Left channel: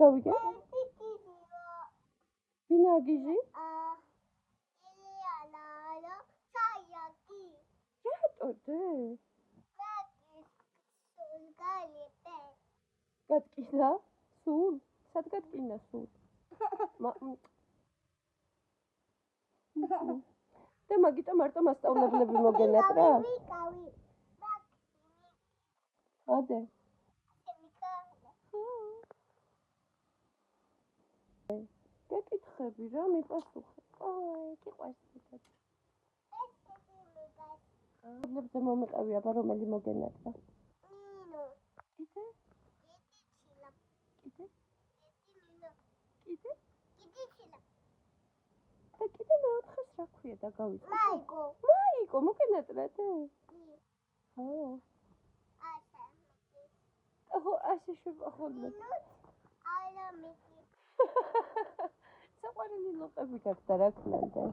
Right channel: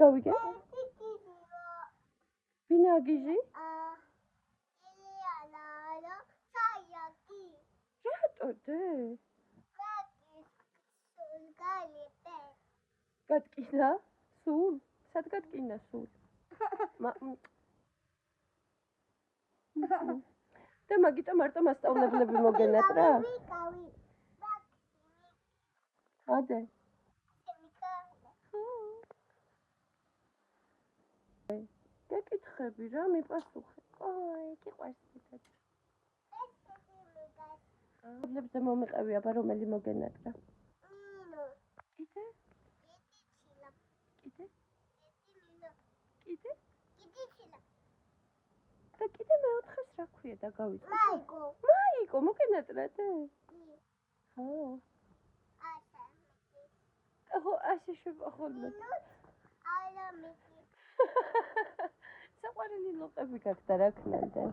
გავიგე? ვინა გიჟი? რატოდე? გატკინა? სულ? სად გატკინა სულ? და მაგიტო მარტო მასწავლებლები მოგენატრა? ადე. გეკითხები რა მიპასუხე. აი, გიყვარს მეტად. მოდლებზე მომეყევი აბა რომელი მოგენატრა? კიდე? კიდე? კიდე? და კიდე მეოთხეს რა ქვია და გავიწყო? მაიკო, მოგენატრადე? ხო. ხო, ასე შევახოლმე. საყვარელი ლოყები გაქვს და რა ქნამდე?